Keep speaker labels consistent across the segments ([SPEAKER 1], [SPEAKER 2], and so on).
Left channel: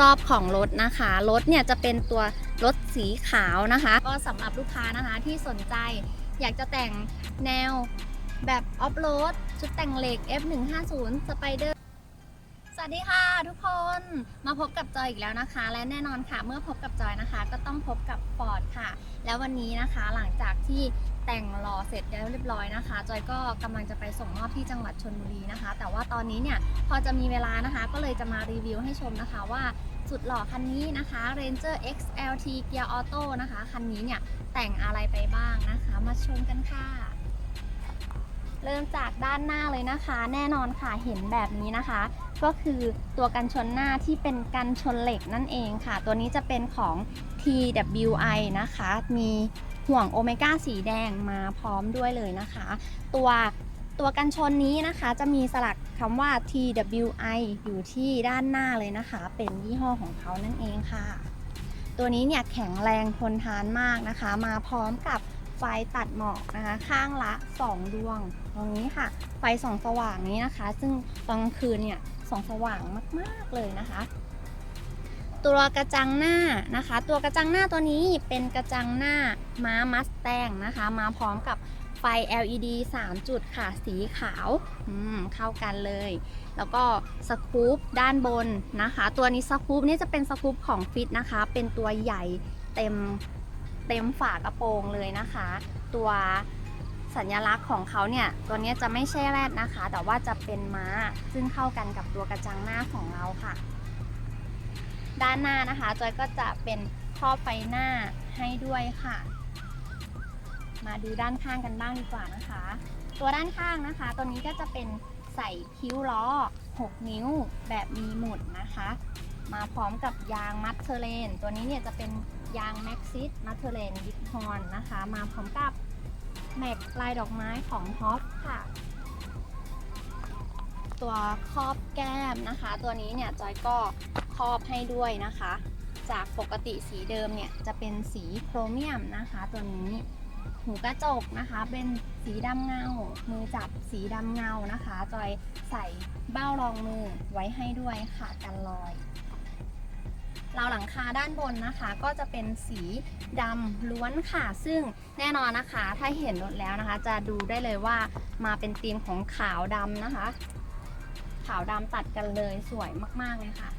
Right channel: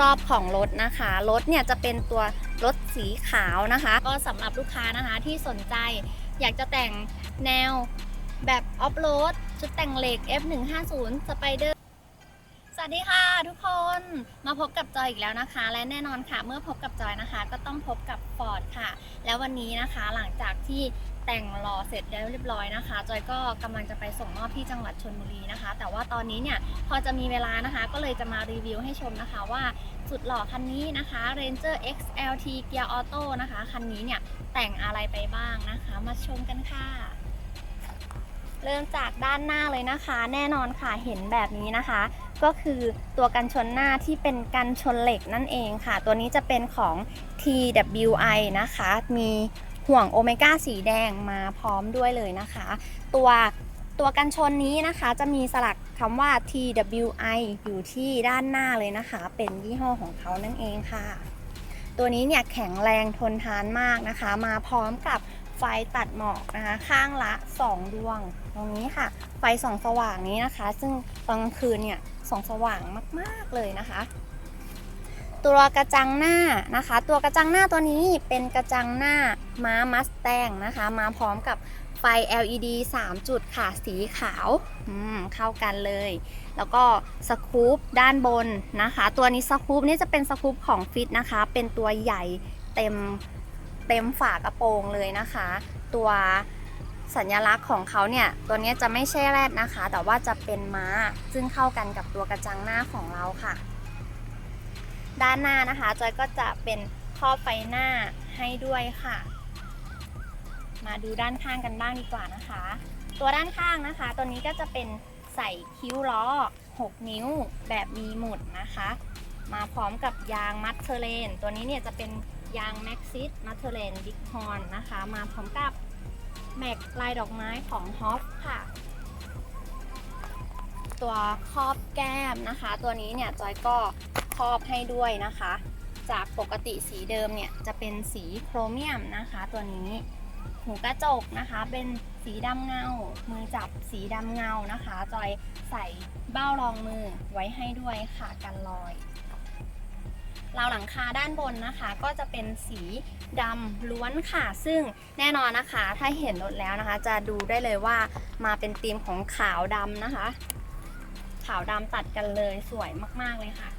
[SPEAKER 1] รอบๆของรถนะคะ รถเนี่ยจะเป็นตัวรถสีขาวนะคะ ก็สำหรับลูกค้านะคะที่สนใจอยากจะแต่งแนวแบบออฟโรดชุดแต่งเหล็ก F150 Spider สวัสดีค่ะทุกคนมาพบกับจอยอีกแล้วนะคะ และแน่นอนค่ะ เมื่อพบกับจอยนะคะ ก็ต้องพบกับฟอร์ดค่ะ แล้ววันนี้นะคะหลังจากที่แต่งหล่อเสร็จแล้วเรียบร้อยนะคะ จอยก็กำลังจะไปส่งมอบที่จังหวัดชนบุรีนะคะ แต่ว่าตอนนี้เนี่ยพอจะมีเวลานะคะ ก็เลยจะมารีวิวให้ชมนะคะว่าสุดหล่อคันนี้นะคะ Ranger XLT Gear Auto นะคะ คันนี้เนี่ยแต่งอะไรไปบ้างนะคะ มาชมกันค่ะ เริ่มจากด้านหน้าเลยนะคะ แน่นอนค่ะเห็นแบบนี้นะคะ ก็คือตัวกันชนหน้าที่เป็นกันชนเหล็กนั่นเองค่ะ ตัวนี้จะเป็นของ TWI นะคะ มีห่วงโอเมก้าสีแดงมาพร้อมด้วยเลยนะคะ ตัวตัวกันชนนี้นะคะจะมีสลักคำว่า TWI อยู่ที่ด้านหน้าเลยนะคะ เป็นยี่ห้อของเขานั่นเองค่ะ ตัวนี้เนี่ยแข็งแรงทนทานมากนะคะ มาพร้อมกับ ไฟตัดหมอกนะคะข้างละ 2 ดวง ตรงนี้ค่ะ ไฟส่องสว่างนี้นะคะ ซึ่งตอนกลางคืนเนี่ยส่องสว่างมากๆเลยนะคะ ตัวกระจังหน้านะคะ ตัวกระจังหน้าตัวนี้เป็นกระจังหน้าม้ามัสแตงนะคะ มาพร้อมกับไฟ LED 3 จุดค่ะ สีขาวเข้ากันเลย แล้วก็สกู๊ปด้านบนนะคะ ตัวนี้สกู๊ปนี่จะเป็นสกู๊ปของฟิตนะคะ เป็นตัวใหญ่เต็ม เต็มฝากระโปรงเลยนะคะ ตัวสัญลักษณ์ของเขาเนี่ย ตัวนี้จะไม่ใช่แรดนะคะ แต่ว่าจะเป็นม้า ซึ่งเข้ากันกับตัวกระจังหน้าของเราค่ะ ด้านหน้านะคะจอยก็จะเป็นท่อไฟหน้าให้ด้วยค่ะ มาดูด้านข้างกันบ้างดีกว่านะคะ ตัวด้านข้างนะคะ ตัวนี้ก็จะเป็นใส่คิ้วล้อ 6 นิ้วแบบมีหมุดนะคะ มาพร้อมกับยางมัดเทอร์เลน ตัวนี้เนี่ยจะเป็น ยางแม็กซิสมัดเทอเลนบิ๊กฮอนนะคะ มาพร้อมกับแม็กลายดอกไม้ของฮอปค่ะ ตัวครอบแก้มนะคะ ตัวนี้เนี่ยจอยก็ครอบให้ด้วยนะคะ จากปกติสีเดิมเนี่ยจะเป็นสีโครเมียมนะคะ ตัวนี้หูกระจกนะคะ เป็นสีดำเงา มือจับสีดำเงานะคะ จอยใส่เบ้ารองมือไว้ให้ด้วยค่ะกันรอย ราวหลังคาด้านบนนะคะ ก็จะเป็นสีดำล้วนค่ะ ซึ่งแน่นอนนะคะ ถ้าเห็นรถแล้วนะคะ จะดูได้เลยว่ามาเป็นธีมของขาวดำนะคะ ขาวดำตัดกันเลยสวยมากๆเลยค่ะ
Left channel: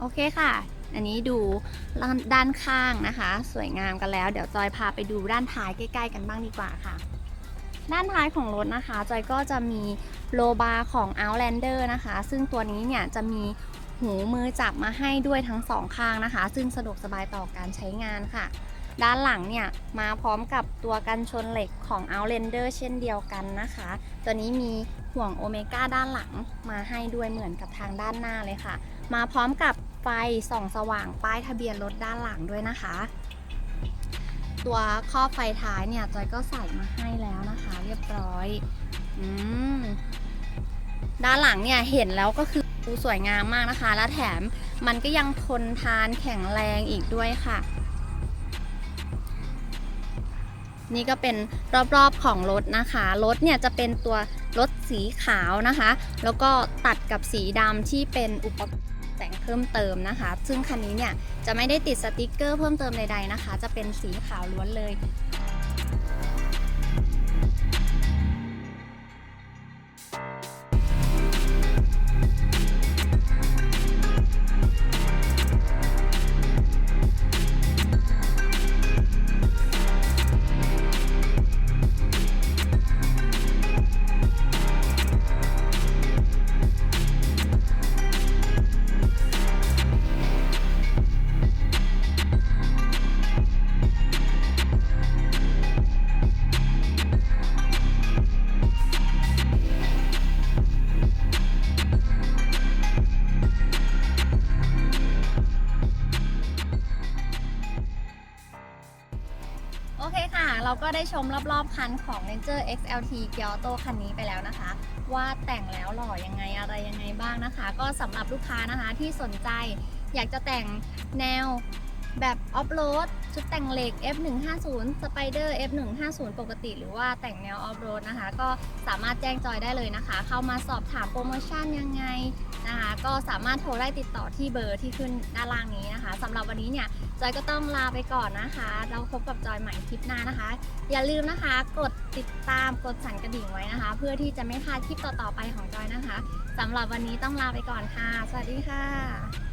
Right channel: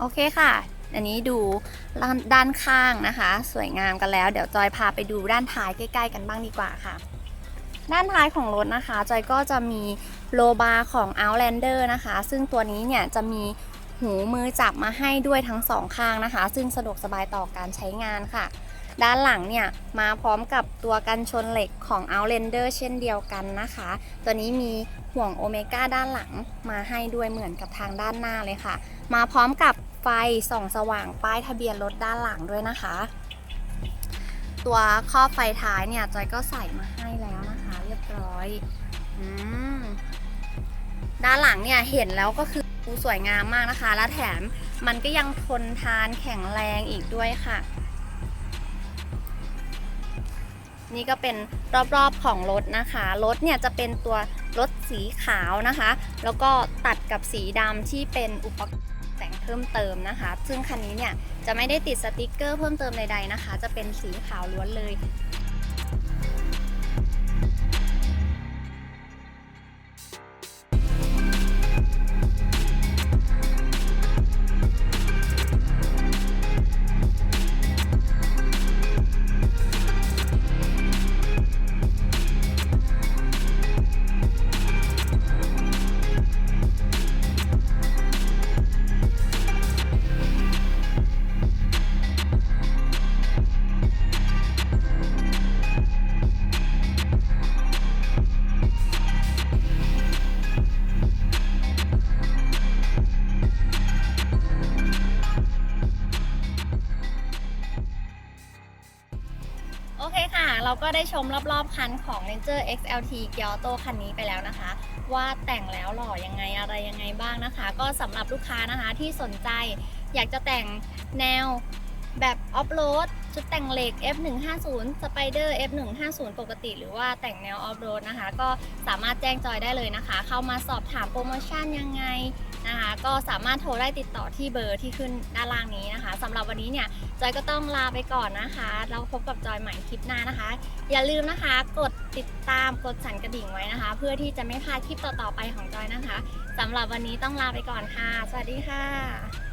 [SPEAKER 1] โอเคค่ะ อันนี้ดูด้านข้างนะคะ สวยงามกันแล้ว เดี๋ยวจอยพาไปดูด้านท้ายใกล้ ๆ กันบ้างดีกว่าค่ะ ด้านท้ายของรถนะคะ จอยก็จะมีโลบาร์ของ Outlander นะคะ ซึ่งตัวนี้เนี่ยจะมีหูมือจับมาให้ด้วยทั้งสองข้างนะคะ ซึ่งสะดวกสบายต่อการใช้งานค่ะ ด้านหลังเนี่ยมาพร้อมกับตัวกันชนเหล็กของ Outlander เช่นเดียวกันนะคะ ตัวนี้มีห่วงโอเมก้าด้านหลังมาให้ด้วยเหมือนกับทางด้านหน้าเลยค่ะ มาพร้อมกับไฟส่องสว่างป้ายทะเบียนรถด้านหลังด้วยนะคะ ตัวครอบไฟท้ายเนี่ยจอยก็ใส่มาให้แล้วนะคะ เรียบร้อยอืมด้านหลังเนี่ยเห็นแล้วก็คือสวยงามมากนะคะ และแถมมันก็ยังทนทานแข็งแรงอีกด้วยค่ะ นี่ก็เป็นรอบๆของรถนะคะ รถเนี่ยจะเป็นตัวรถสีขาวนะคะ แล้วก็ตัดกับสีดำที่เป็นอุปกรณ์แต่งเพิ่มเติมนะคะ ซึ่งคันนี้เนี่ยจะไม่ได้ติดสติกเกอร์เพิ่มเติมใดๆนะคะ จะเป็นสีขาวล้วนเลย โอเคค่ะ เราก็ได้ชมรอบๆคันของ Ranger XLT เกียวโตคันนี้ไปแล้วนะคะ ว่าแต่งแล้วหล่อยังไงอะไรยังไงบ้างนะคะ ก็สำหรับลูกค้านะคะที่สนใจอยากจะแต่งแนวแบบออฟโรด ชุดแต่งเหล็ก F150 Spider F150 ปกติ หรือว่าแต่งแนวออฟโรดนะคะ ก็สามารถแจ้งจอยได้เลยนะคะ เข้ามาสอบถามโปรโมชั่นยังไงนะคะ ก็สามารถโทรได้ติดต่อที่เบอร์ที่ขึ้นด้านล่างนี้นะคะสำหรับวันนี้เนี่ยจอยก็ต้องลาไปก่อนนะคะ เราพบกับจอยใหม่คลิปหน้านะคะ อย่าลืมนะคะ กดติดตามกดสั่นกระดิ่งไว้นะคะ เพื่อที่จะไม่พลาดคลิปต่อๆไปของจอยนะคะสำหรับวันนี้ต้องลาไปก่อนค่ะ สวัสดีค่ะ